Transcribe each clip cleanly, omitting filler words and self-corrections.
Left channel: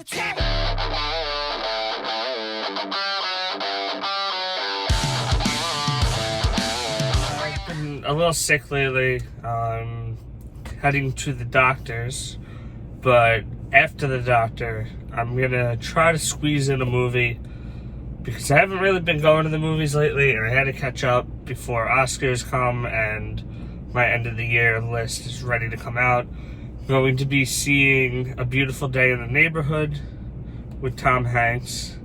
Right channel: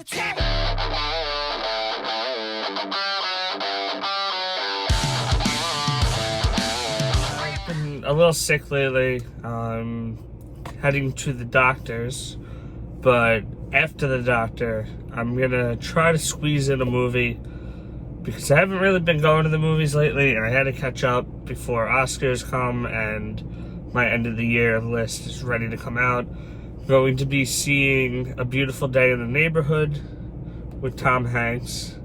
the track. Been a little sick lately, heading to the doctor's, but after the doctor, I'm gonna try to squeeze in a movie because I haven't really been going to the movies lately, and I had to catch up before Oscars come and my end of the year list is ready to come out. I'm going to be seeing A Beautiful Day in the Neighborhood with Tom Hanks,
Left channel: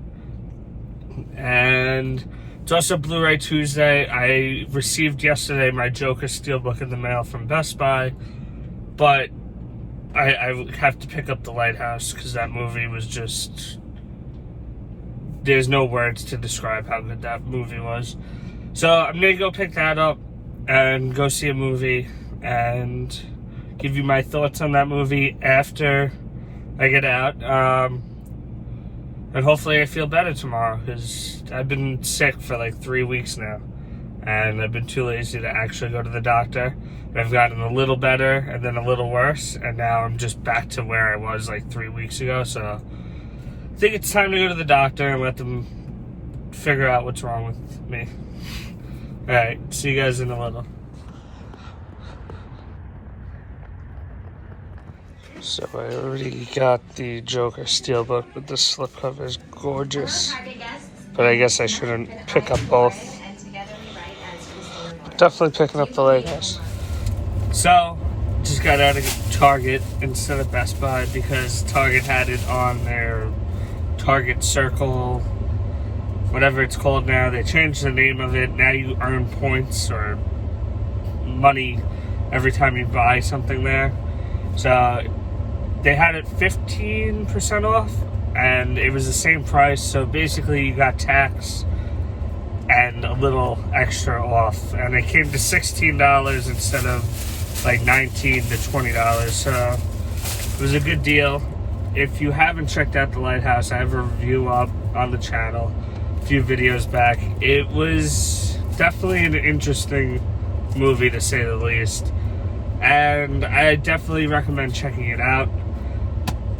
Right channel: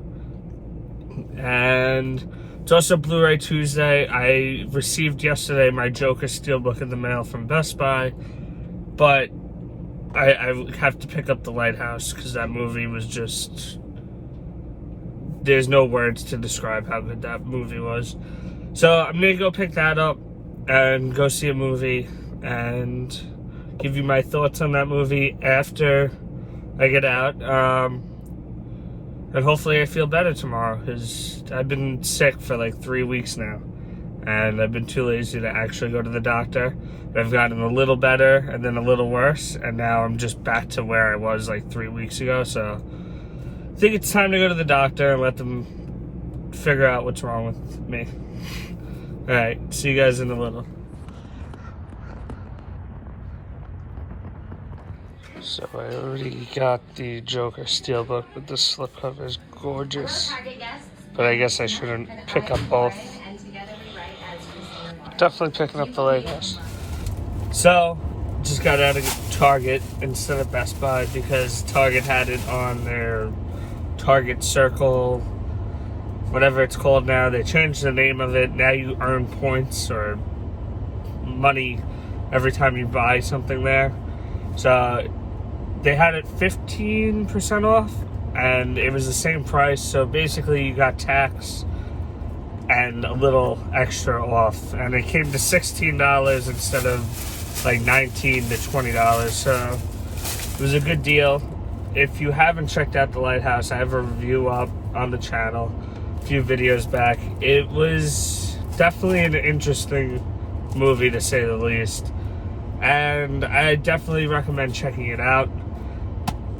and it's also Blu-ray Tuesday. I received yesterday my Joker Steelbook in the mail from Best Buy, but I have to pick up The Lighthouse because that movie was just... There's no words to describe how good that movie was. So I'm going to go pick that up and go see a movie and give you my thoughts on that movie after I get out. And hopefully I feel better tomorrow because I've been sick for like 3 weeks now. And I've been too lazy to actually go to the doctor. I've gotten a little better and then a little worse. And now I'm just back to where I was like 3 weeks ago. So I think it's time to go to the doctor and let them figure out what's wrong with me. Alright, see you guys in a little. So I already got the Joker Steelbook, but the slipcover is gorgeous. But I guess I shouldn't pick up both. Definitely picking up The Lighthouse. So, just got out of Target instead of Best Buy because Target had it on their Target Circle, whatever it's called now. They changed the name of it. Now you earn points or money every time you buy something there. So they had it 15% off and it was the same price. So basically you got tax and a little extra off. And it came to $16 instead of like $19 to $20. So it was a good deal. If you haven't checked out The Lighthouse, I have a review up on the channel a few videos back. It was definitely an interesting movie to say the least. And I definitely recommend checking it out.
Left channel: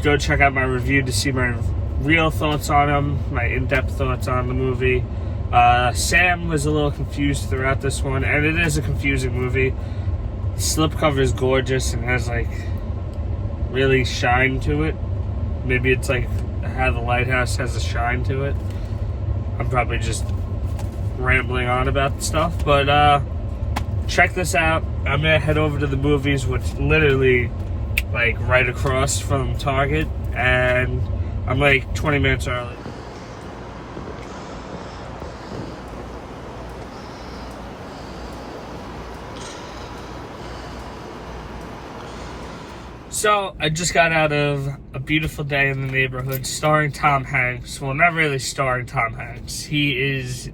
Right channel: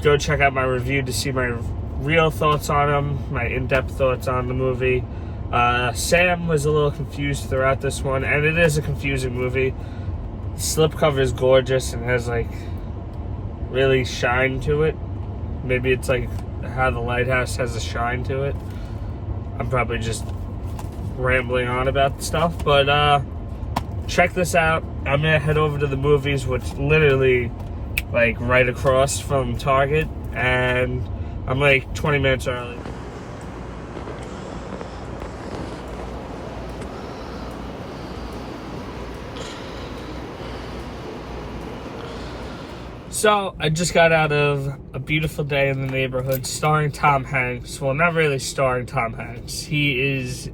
Go check out my review to see my real thoughts on them, my in-depth thoughts on the movie. Sam was a little confused throughout this one, and it is a confusing movie. The slipcover is gorgeous and has like really shine to it. Maybe it's like how The Lighthouse has a shine to it. I'm probably just rambling on about the stuff, but check this out. I'm gonna head over to the movies, which literally like right across from Target, and I'm like 20 minutes early. So, I just got out of A Beautiful Day in the Neighborhood starring Tom Hanks. Well, not really starring Tom Hanks. He is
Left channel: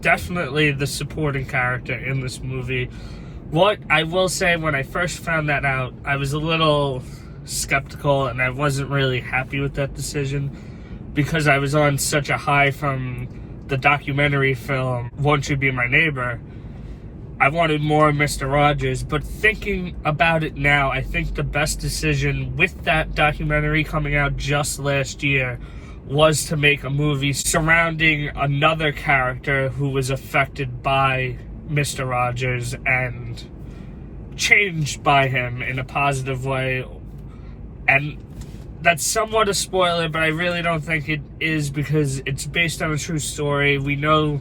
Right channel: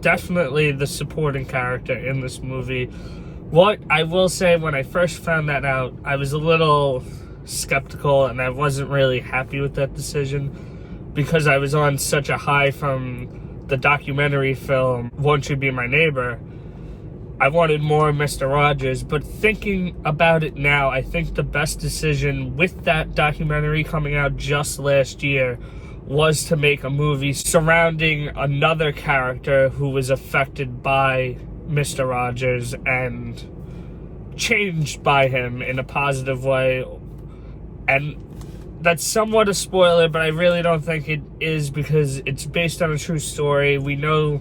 definitely the supporting character in this movie. What I will say, when I first found that out, I was a little skeptical and I wasn't really happy with that decision because I was on such a high from the documentary film, Won't You Be My Neighbor? I wanted more Mr. Rodgers, but thinking about it now, I think the best decision with that documentary coming out just last year was to make a movie surrounding another character who was affected by Mr. Rodgers and changed by him in a positive way. And that's somewhat a spoiler, but I really don't think it is because it's based on a true story. We know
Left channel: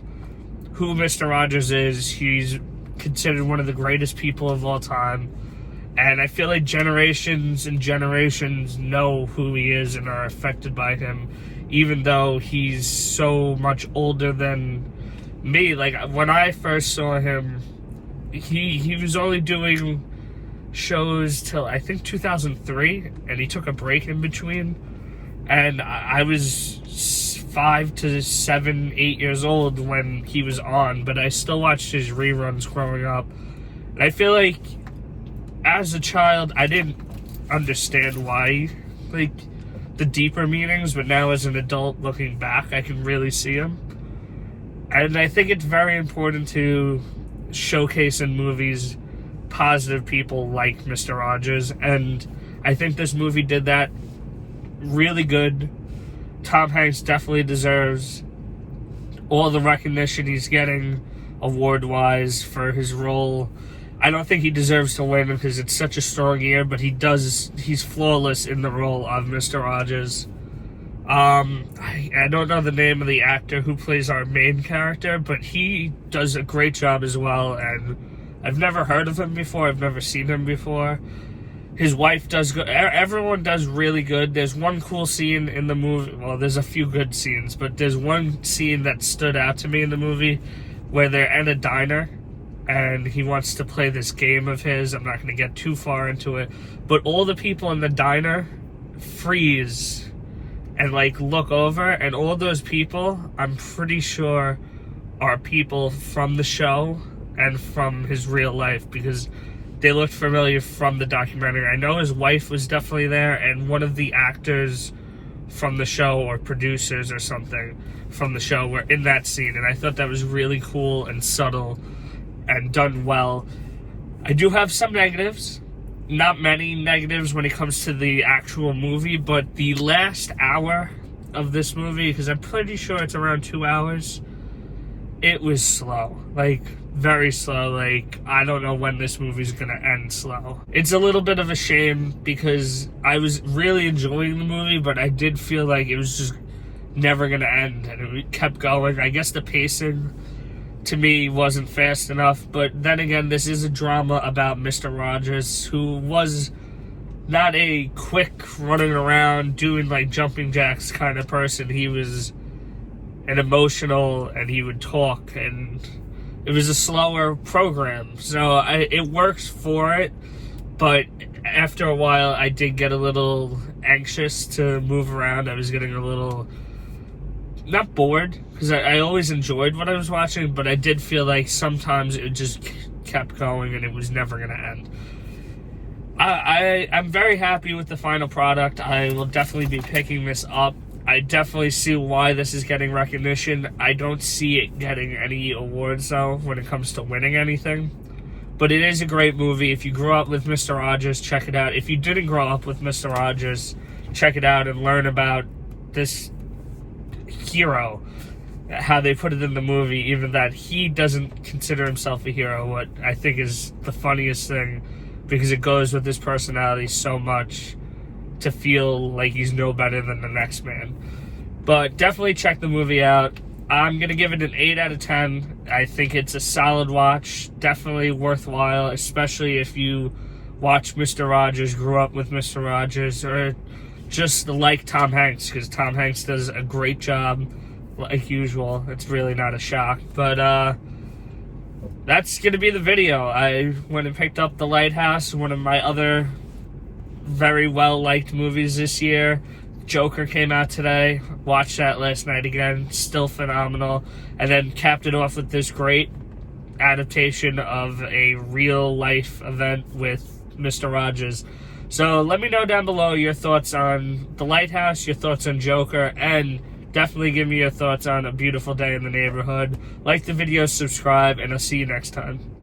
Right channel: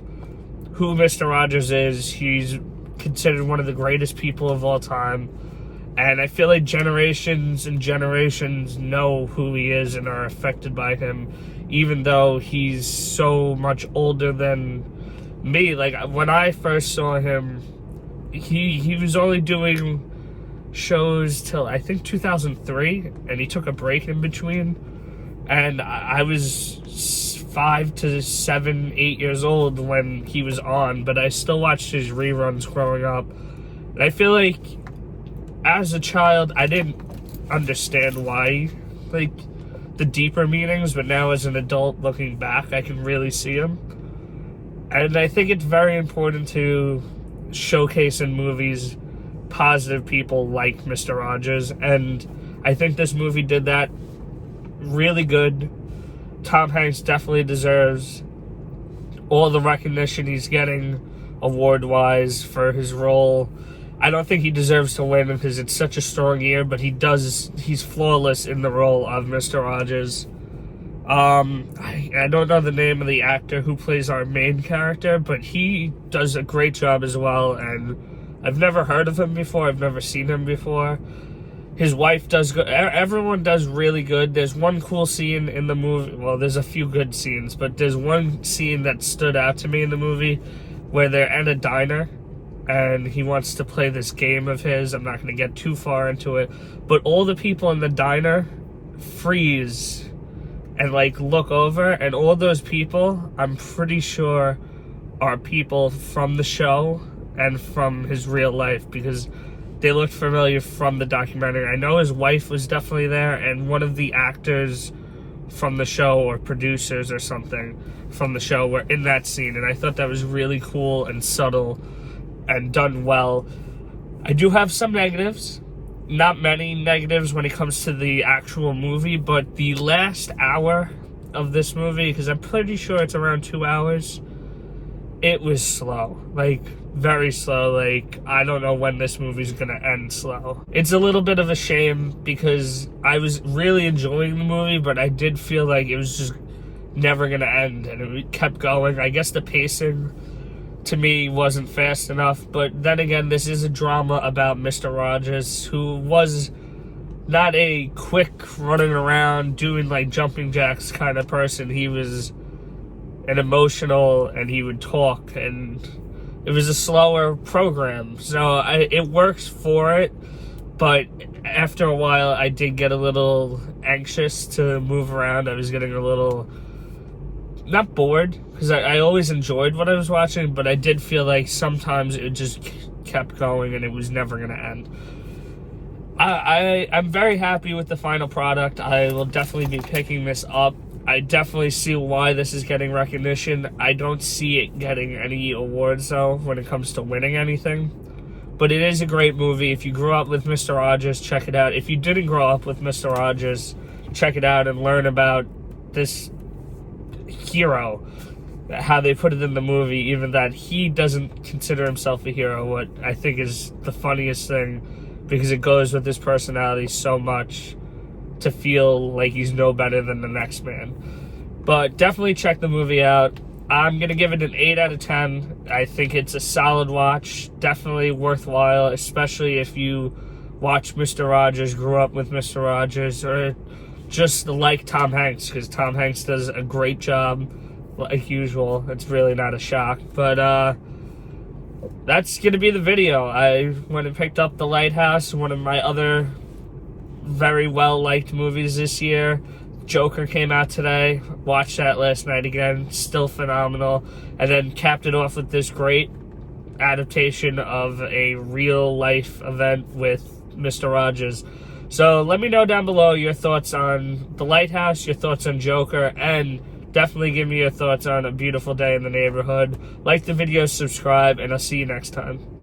who Mr. Rodgers is. He's considered one of the greatest people of all time, and I feel like generations and generations know who he is and are affected by him, even though he's so much older than me. Like, when I first saw him, he was only doing shows till I think 2003, and he took a break in between, and I was 5 to 7, 8 years old when he was on, but I still watched his reruns growing up. And I feel like as a child, I didn't understand why, like, the deeper meanings, but now as an adult looking back, I can really see them. And I think it's very important to showcase in movies positive people like Mr. Rodgers, and I think this movie did that really good. Tom Hanks definitely deserves all the recognition he's getting award-wise for his role. I don't think he deserves to win because it's such a strong year, but he's flawless in the role of Mr. Rodgers. I don't know the name of the actor who plays our main character, but he does a great job as well, and I've never heard of him before. I've never seen him before. His wife does good. Everyone does really good. There's one cool scene in the movie. Well, there's a few good scenes, but there's one scene that stood out to me in the movie where they're at a diner and he wants to play this game of his. I'm not going to get too far into it, but all the people in the diner freeze and like look over, and all those people, I'm pretty sure, are people from the show and from his real life because they looked familiar from the documentary. I know his wife was definitely there, and one of the actors from the show or producers or something from the show were in that scene, and I thought that was really cool and subtle and done well. I do have some negatives. Not many negatives when it comes to the actual movie, but the last hour of this movie, because I'm pretty sure it's around 2 hours, it was slow. Like, very slow. Like, I don't know when this movie's gonna end slow. It's a little bit of a shame because I was really enjoying the movie, but I did feel like it was just never gonna end, and it kept going. I guess the pacing to me wasn't fast enough, but then again, this is a drama about Mr. Rodgers, who was not a quick running around doing like jumping jacks kind of person. He was an emotional, and he would talk, and it was a slower program, so it works for it, but after a while I did get a little anxious to move around. I was getting a little, not bored, because I always enjoyed what I was watching, but I did feel like sometimes it just kept going and it was never going to end. I'm very happy with the final product. I will definitely be picking this up. I definitely see why this is getting recognition. I don't see it getting any awards, though, when it comes to winning anything. But it is a great movie. If you grew up with Mr. Rodgers, check it out. If you didn't grow up with Mr. Rodgers, check it out and learn about this hero, how they put it in the movie, even that he doesn't consider himself a hero, what I think is the funniest thing, because it goes with his personality so much to feel like he's no better than the next man. But definitely check the movie out. I'm going to give it an 8 out of 10. I think it's a solid watch, definitely worthwhile, especially if you watch Mr. Rodgers, grew up with Mr. Rodgers, or just like Tom Hanks, because Tom Hanks does a great job, like usual. It's really not a shock, but that's going to be the video. I went and picked up The Lighthouse, one of my other very well-liked movies this year. Joker came out today. Watched that last night again. Still phenomenal. And then capped it off with this great adaptation of a real-life event with Mr. Rodgers. So let me know down below your thoughts on The Lighthouse, your thoughts on Joker, and definitely give me your thoughts on A Beautiful Day in the Neighborhood. Like the video, subscribe, and I'll see you next time.